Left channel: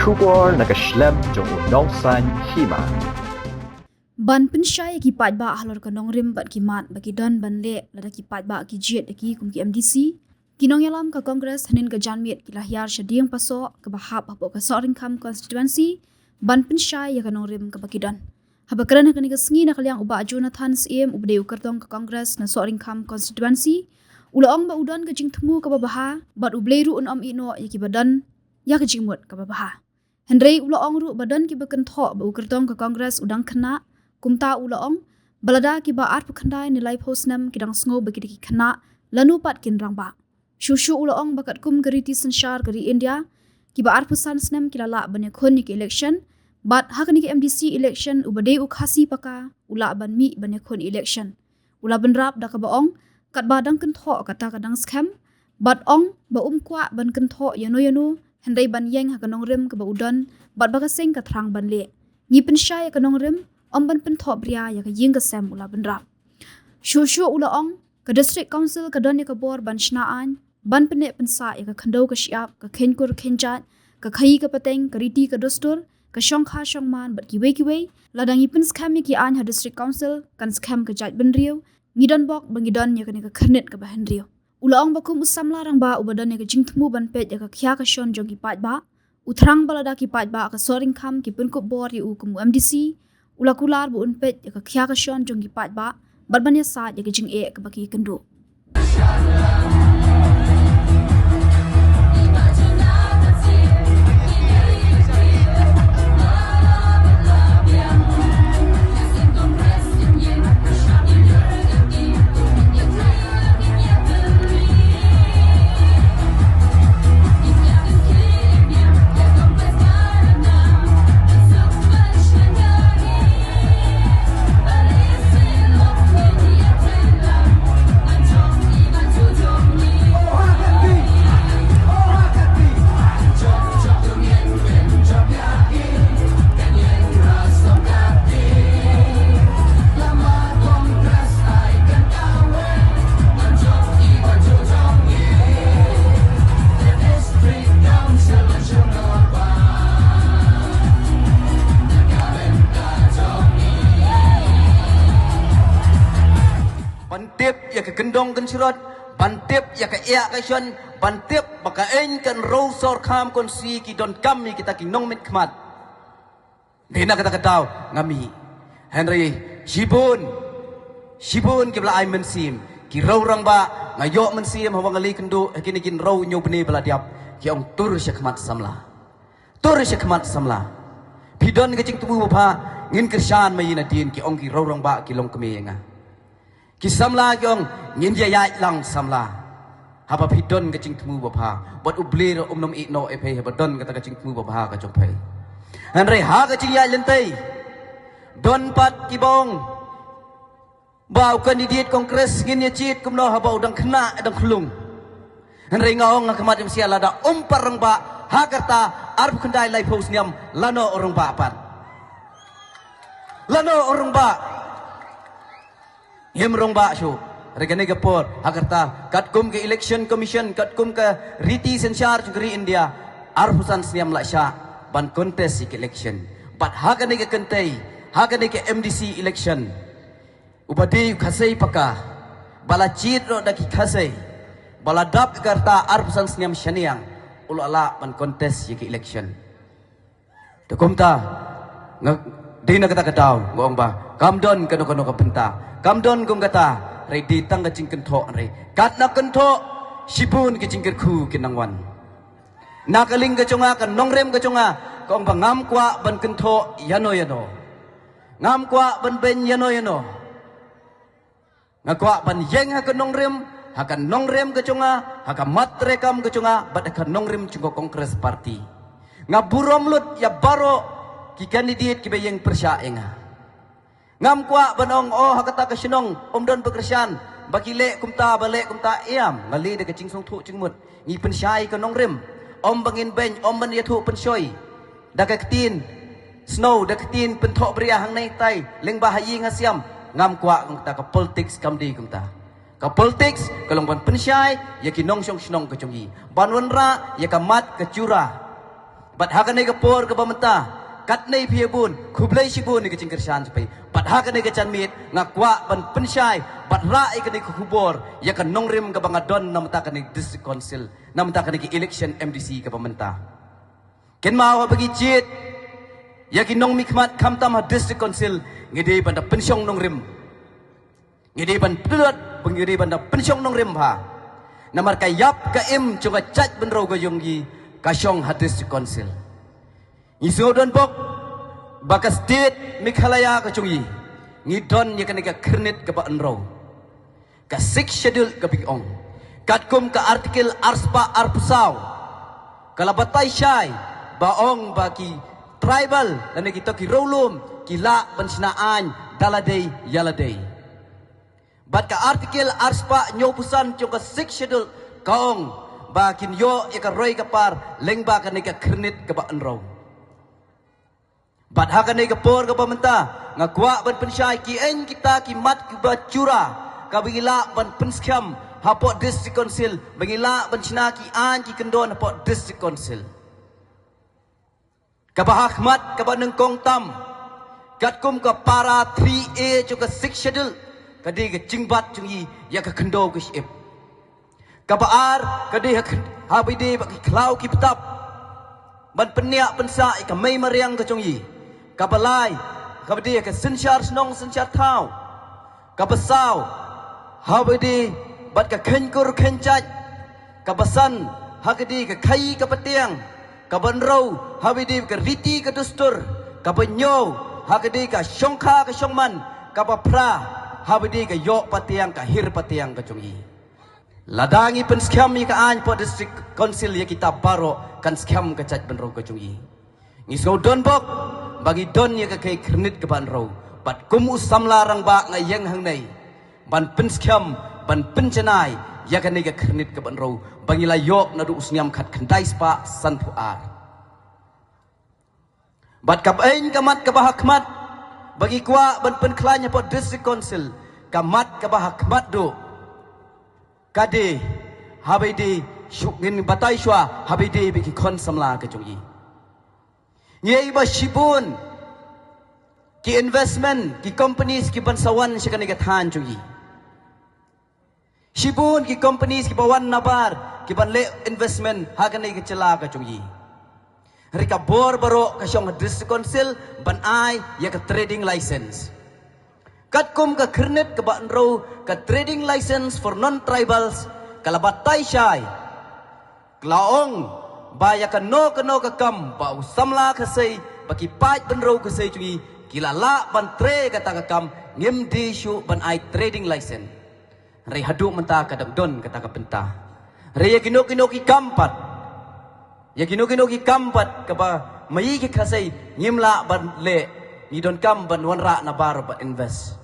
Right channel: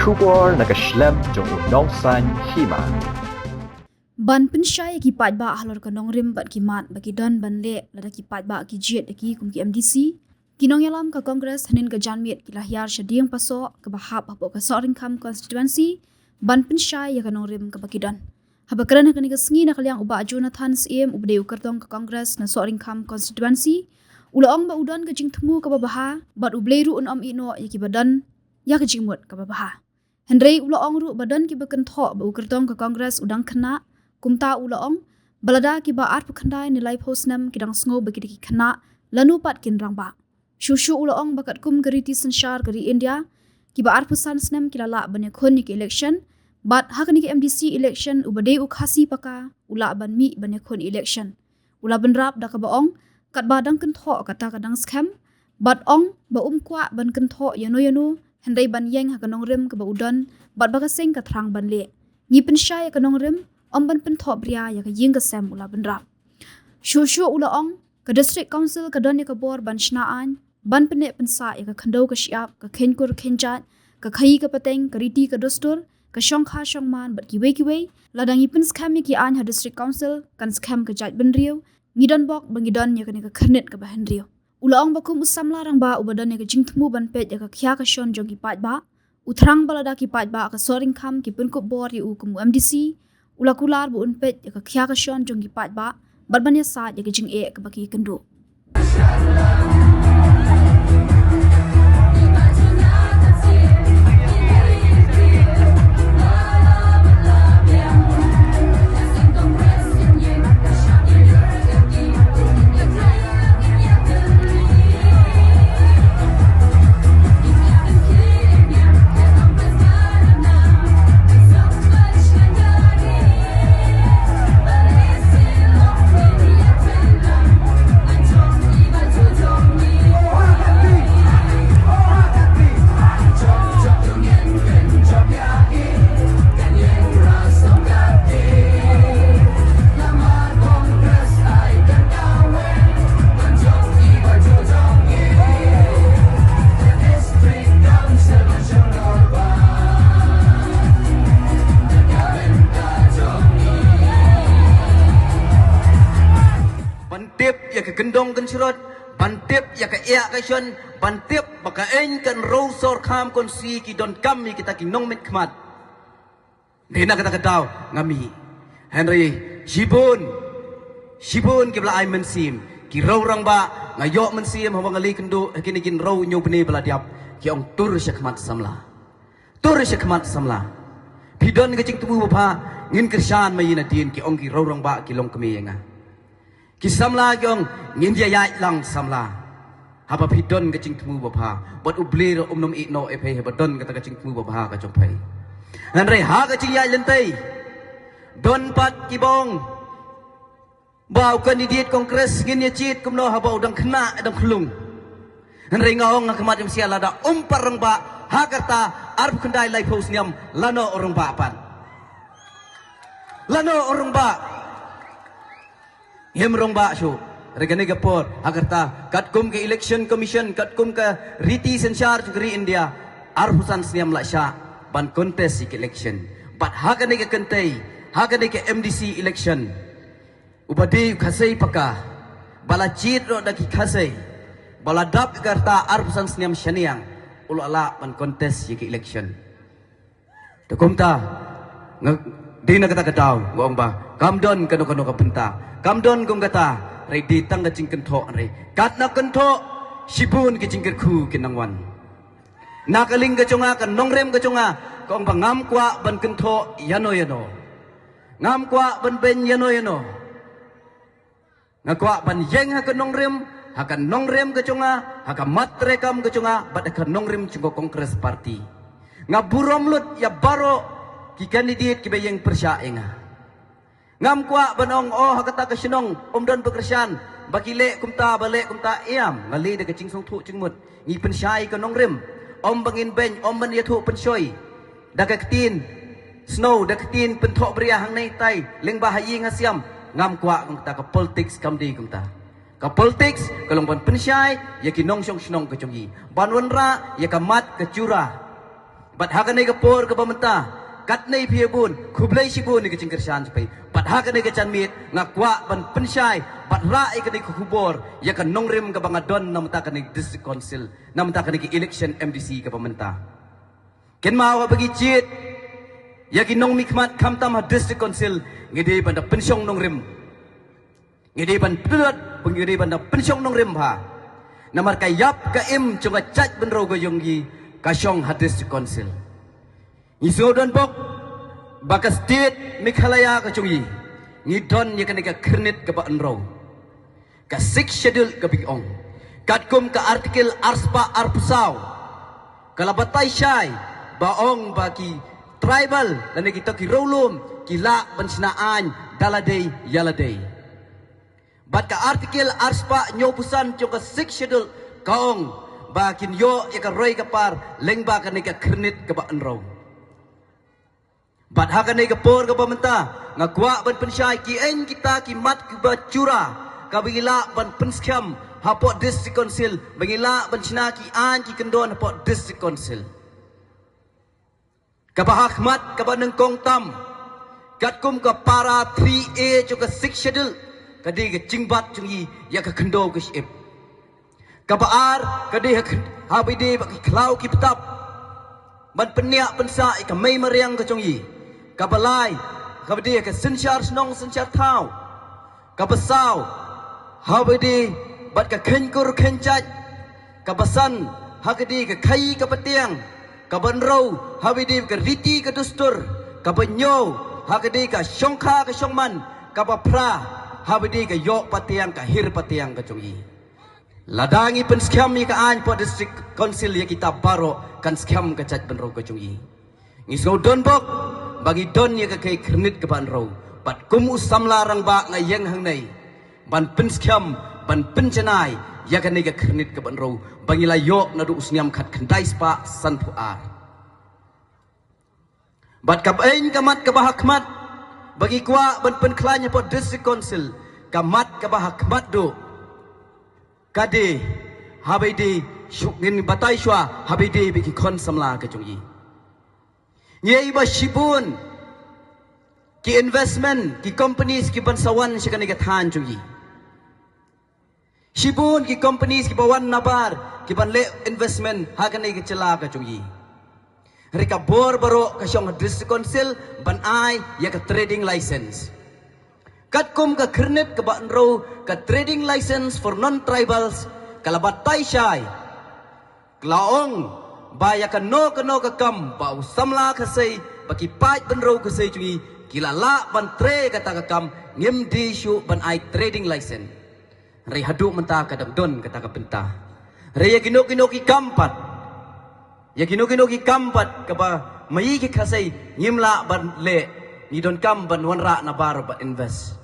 出国那个 Schlemm 就农山起嘛。 ban pensyai ki pat ba halor kanong rim bat ki mat bagi don ban le lada ki pat ba ki jet ki kum ki MDC kinong yalam ka Congress hanin ka janmiet ki lahyar shading paso ka bahap hapo ka soring kam constituency ban pensyai ya kanong rim ka bagi don habakran ka ni ka sngi na kalyang uba Jonathan CM ubde ukartong ka Congress na soring kam constituency ulaong ba udon ka jing thmu ka babaha bat ubleru un ino ya ki badan ya ka jingmut ka babaha Henry ulaong ru badan ki bakan tho ba ukartong ka Congress udang khana kumta ulaong balada ki ba art pukhandai nilai posnam kidang sngo bagi ki khana lanu pat kin rangba shushu ulaong bakat kum gariti sanshar gari India ki ba art pusan snam kilala bane khon ni ki election bat hakani ki MDC election ubade u khasi paka ula ban mi bane khon election ula ban rap da ka baong kat ba dang kan tho kata kadang scam bat ong ba kwa ban kan tho yano hendai ban yeng hakanong rem ka ba udon bat ba ka seng ka thrang ban le ni pen sha ya kanong rem ban pen tho bria ya ka yeng ka sem ula ban rap shu ula ong ka district council ka don ka bor ban shna an ban pen ne pen sa ya ka khando ka shiap ka khen kur khen jat ka khai ka pateng ka riti ka dostor ka shong kha shong man bat ki wei ladang ipin scam ki an ha district council kan scam ka jat ban riu ngidon bok bangidon ya ka khanet ka ban riu ulaong bakum usamla rang ba ubadan ne ka jingthmu ban pet ya ka khya ka shon jong ki pat ba uthrang balada ki pat ba ka soring kham ki pun ko bor ri u kum MDC ulakular bu un pet ya ka khya ka shon jong ki pat ba barbanya sa ya ka jing e ka baki kendu ya ke gendong kan surat bantip ya ke ia ka syon bantip baka en kan ro sor kham kon si ki don kami kita ki nong met khmat dina kata kataw ngami Henry shibun ki bla ai men sim ki ro rang ba ngayo men sim hawang ali kendu kini kin ro nyu bni bla diap ki ong tur shakmat samla bidon ke cing tubu ba ngin krishan mayina din ki ong ki ro rang ba ki long kami nga Kisamla gyong ngindia yai lang samla haba pidon ka cing tmu bapha bot ublir umnom ino epe hebadon kata ka cing tmu bapha ka jompai hanre ha ka cing yai lentai don pat kibong bau kandidat kongres ngin ya chit kumno haba udang khna dang khulung hanre ngaong ngakamat sia lada parang ba ha kata arb khandai lai phos niam lano orang ba pan lano orang ba Hemrong ba syu regane gapot agarta katkum ke election commission katkum ke riti sensar jugri India arhusan siam la sha ban contest ik election but hagane ke kentai hagane ke MDC election ubadi khasei paka bala chit ro daki khasei bala dap garta arhusan siam shaniang ulala ban contest ik election tekumta dina kata kataw ngong ba kamdon kano kapunta kamdon kong kata rei ditang ka cingken tho rei kat na kentho shibun ki cingker khu kinangwan nakaling ka chunga ka nongrem ka chunga kong ba ngam kwa ban kentho yano ngam kwa ban ben yano ngakwa ban yeng ha ka nongrem ka chunga ha ka matre kam ka chunga bat ka nongrem chungo kongres party ngaburom lut ya baro ki kandidat ki bayeng persya enga ngam kwa banong hakata ka sinong don pekerjaan bakile kumta bale kumta iam ngali de kecing song thu cingmut ngi pensyai ka nongrem bangin ben ban ya thu pensoi da ka ketin snow da ketin pentho bria hang nei tai leng bahayi ngasiam ngam kwa kumta ka politics kamdi kumta ka politics kalong ban pensyai ya ki nong song sinong ka chongi ban wanra ya ka mat ka curah Bat hakan ni kapor ke pemerintah. Kat ni pihak bun, kublai si bun ni kecing kersan sampai. Bat hakan ni kecan mit, ngakwa ban pensyai, bat rai ke ni kubor, ya kan nongrim ke bangadon nam takan ni district council, nam takan ni election MDC ke pemerintah. Ken mau bagi cit, ya kinong mikmat kamtam ha district council, ngede banda pensyong nongrim. Ngede ban pelut, ngede banda pensyong nongrim ha. Namar kayap ka im coba cat benro go yonggi kasyong ha district council. Isodon bok bakas state Meghalaya ka chungi. Ngidon ya kanika kernit ka ba enro. Ka 6 schedule ka bigong. Katkum ka artikel arspa arpusaw. Kalabatay syay baong baki tribal na kita ki rolum kila bansinaan daladay yaladay. Bat ka artikel arspa nyopusan chung ka 6 schedule kaong bakin yo ika roy kapar lengba kanika kernit ka ba enro. Bat hakan ni kapor ka pemerintah ngakwa ban pensyai ki en kita ki mat ki bacura ka bingila ban penskam hapot district council bingila ban sina ki an ki kendon hapot district council ka bahakmat ka ban kong tam katkum ka para 3A jo ka 6 schedule kadi ka jingbat jungi ya ka kendo ka ship ka baar kadi ha bide ba ki klau ki petap ban peniak pensa ka mai mariang ka jungi ka balai kabadi ka sensyar snong sensyar thau kabasau habadi bat ka khenkur khenchat kabasan hakadi ka khai ka patiang kabanro habadi ka riti ka dustur kabanyo hakadi ka syongkha ka syongman kabapra habadi ka yo patiang ka hir patiang ka chungi ladangi pen scam ka an po district council ya kita baro kan scam ka chat benro ka chungi ngisgo don bok bagi don ya ka kay kernit ka ban ro pat kumu samlarang ba ngayeng hang nei ban penskam ban penchanai ya ka ni ka kernit ka ban ro bagi layo na du usnyam khat khandai spa santu ar bat kap ain kamat ka bahakmat bagi kwa ban penklanya pot district council kamat ka bahakmat do kade habidi shuknin batai shwa habidi biki kon samla ka chungi Nyai ba shibun ki investment ki companies ki bansawan siya kaniga than chungi. Shibun ki companies ki bawan nabar ki banle investment ha kaniga chala ka chungi. Rika bor baro ka siyang district council ban ai ya ka trading license. Katkum ka kernet ka banro ka trading license for non-tribals kalabatay syay. Klaong baya ka no ka kam ba usamla ka say baki pat benro ka say chungi kilala ban tre ka ta ka kam ngim di shu ban ai trading license re hadu menta ka dagdon ka ta ka penta re ya kino ki kampat ya kino ki kampat ka ba mai ki ka say ngimla ban le ni don kam ban wanra na bar ba invest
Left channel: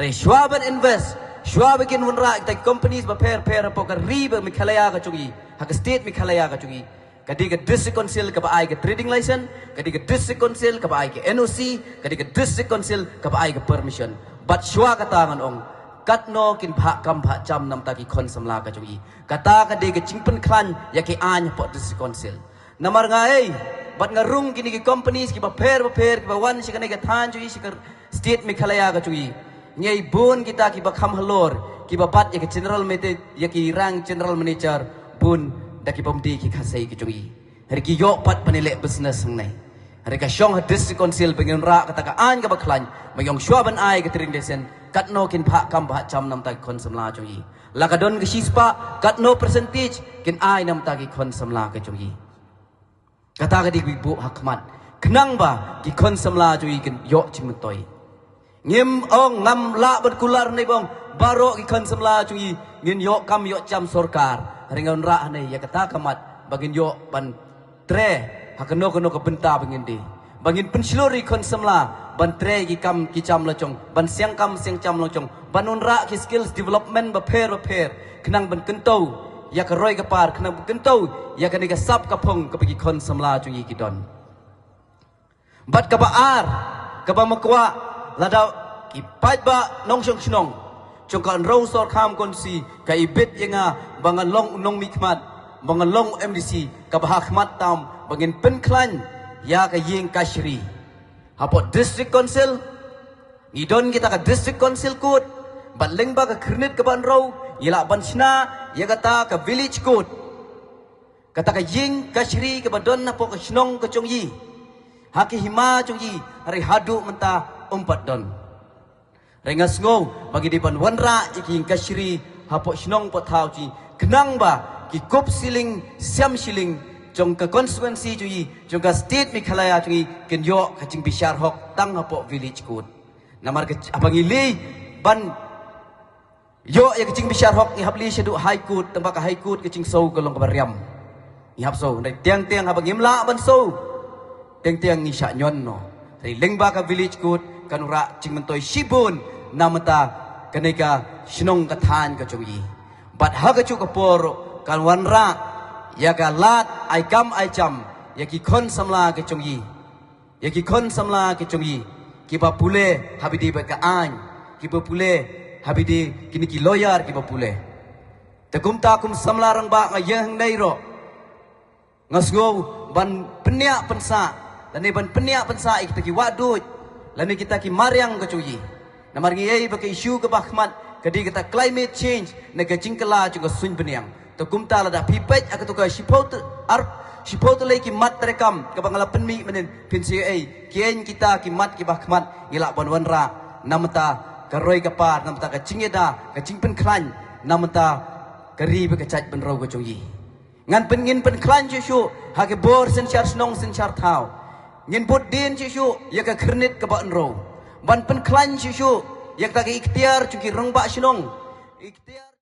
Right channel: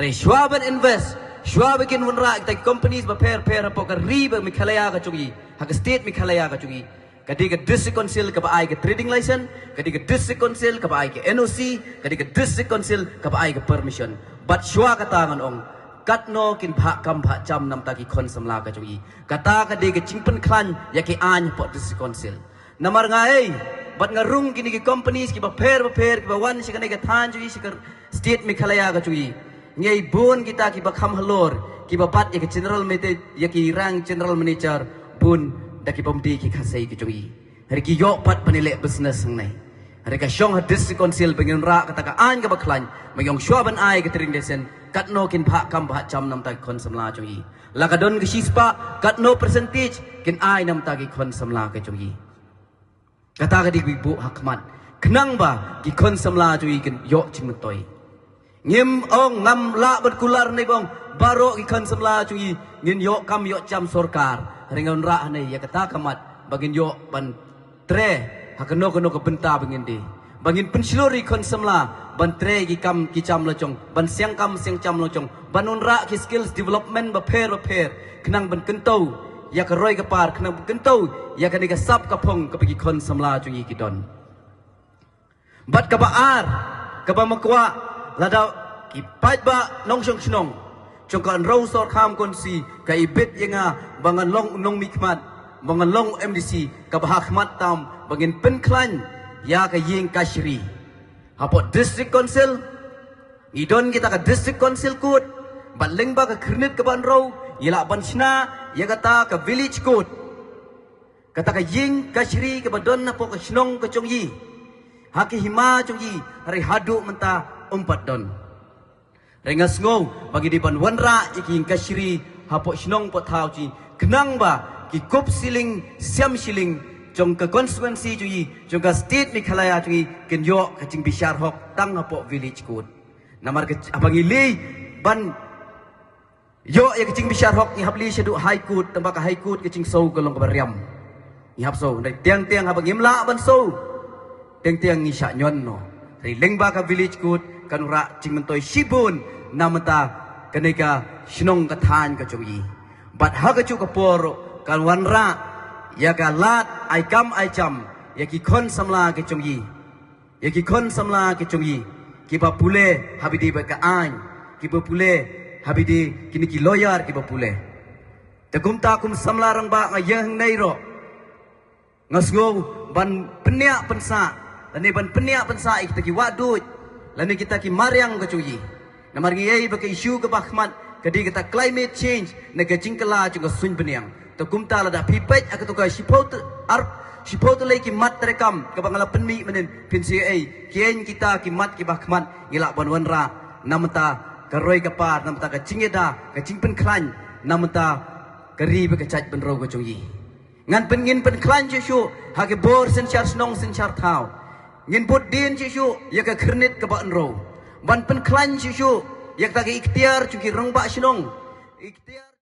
re shwa ban invest shwa bikin wanra ta companies ba per po ka riba Meghalaya ka chungi ha ka state Meghalaya ka chungi kadi ka district council ka baay ka trading license kadi ka district council ka baay ka NOC kadi ka district council ka baay ka permission but shwa katangan ong katno kin bha kam bha cham nam ta ki khon samla ka chungi kata kadi ka chingpen klan ya ki an po district council namar ngai but ngarung kini ki companies ki ba per ki ba wan si kanai ka than chungi si ka state Meghalaya ka chungi ngai bun kita ki ba kham halor ki ba bat ya ki general mete ya ki rang general manager bun daki pamdi ki khasai ki chungi hari ki yo pat panile business hang nai hari ka shong district council pengen ra kata ka an ka baklan mayong shwaban ai ka tring desen katno kin pha kam bha cham nam ta kon samla chungi lakadon ki shispa katno percentage kin ai nam ta ki kon samla ka chungi kata ka dik bu hakmat knang ba ki kon samla chungi kin yo chimtoi ngim ong ngam la ban kular nei bong baro ki kon samla chungi ngin yo kam yo cham sorkar ringan ra anai ya kata kamat bagin yo ban tre hakano ka benta bangin di bangin penslori kon samla ban tre ki kam ki cham lachong ban siang kam siang cham lachong banun ra ki skills development ba per kenang ban kentau ya ka roi ka par kenang ban kentau ya ka ni ka sap ka phong ka pagi kon samla chung ki don bat ka baar ka ba makwa lada ki pait ba nong shong shnong chung kan rong sor kham kon si ka ibet yanga bangan long nong mikmat mengelong MDC ke bahakmat tam bangin penklan ya ke ying kashri hapo district council idon kita ke district council kut bat lengba ke krinit ke ban row ila ban sna ya kata ke village kut kata ke ying kashri ke badon hapo ke snong ke chongyi haki hima chongyi hari hadu menta 4 don rengas ngau bagi di ban wanra iking kashri hapo snong potau ji kenang ba ki kop siling siam siling jong ke konstituensi jui jong ke state Meghalaya jui kenyo kacing bishar hok tang hapo village kut namar ke abang ili ban yo ya kacing bishar hok ni habli shedu high court tambah ke high court kacing so golong ke bariam ni hap so ndai tiang tiang abang imla ban so tiang tiang ni syak nyon no dari lengba ke village kut kanura cing mentoi shibun namata keneka shnong kathan ka jui bat ha ka chu ka por kan wanra ya ka lat ai kam ai cham ya ki khon samla ke chongyi ya ki khon samla ke chongyi ki ba pule habidi ba ka an ki ba pule habidi kini ki lawyer ki ba pule te kum ta kum samla rang ba nga yang nei ro ngasgo ban penia pensa lani ban penia pensa ik ki wadu lani kita ki maryang ke chongyi namar gi ei ba ke issue ke bahmat kadi kita climate change naga jingkala juga sun beniang to kumta lada pipet aku to ka shipot lei ki mat rekam ke bangala penmi menen pinsi ei kien kita ki mat ki bahmat gila ban wanra namta ka roi ka par namta ka jingeda ka jingpen klan namta ka ri be ka chat ben ro ka chongyi ngan pen ngin pen klan je shu ha ke bor sen char snong sen char thau ngin bot din je shu ya ka khirnit ka ban ro ban pen klan je shu ya ka ikhtiar chuki rong ba shnong ikhtiar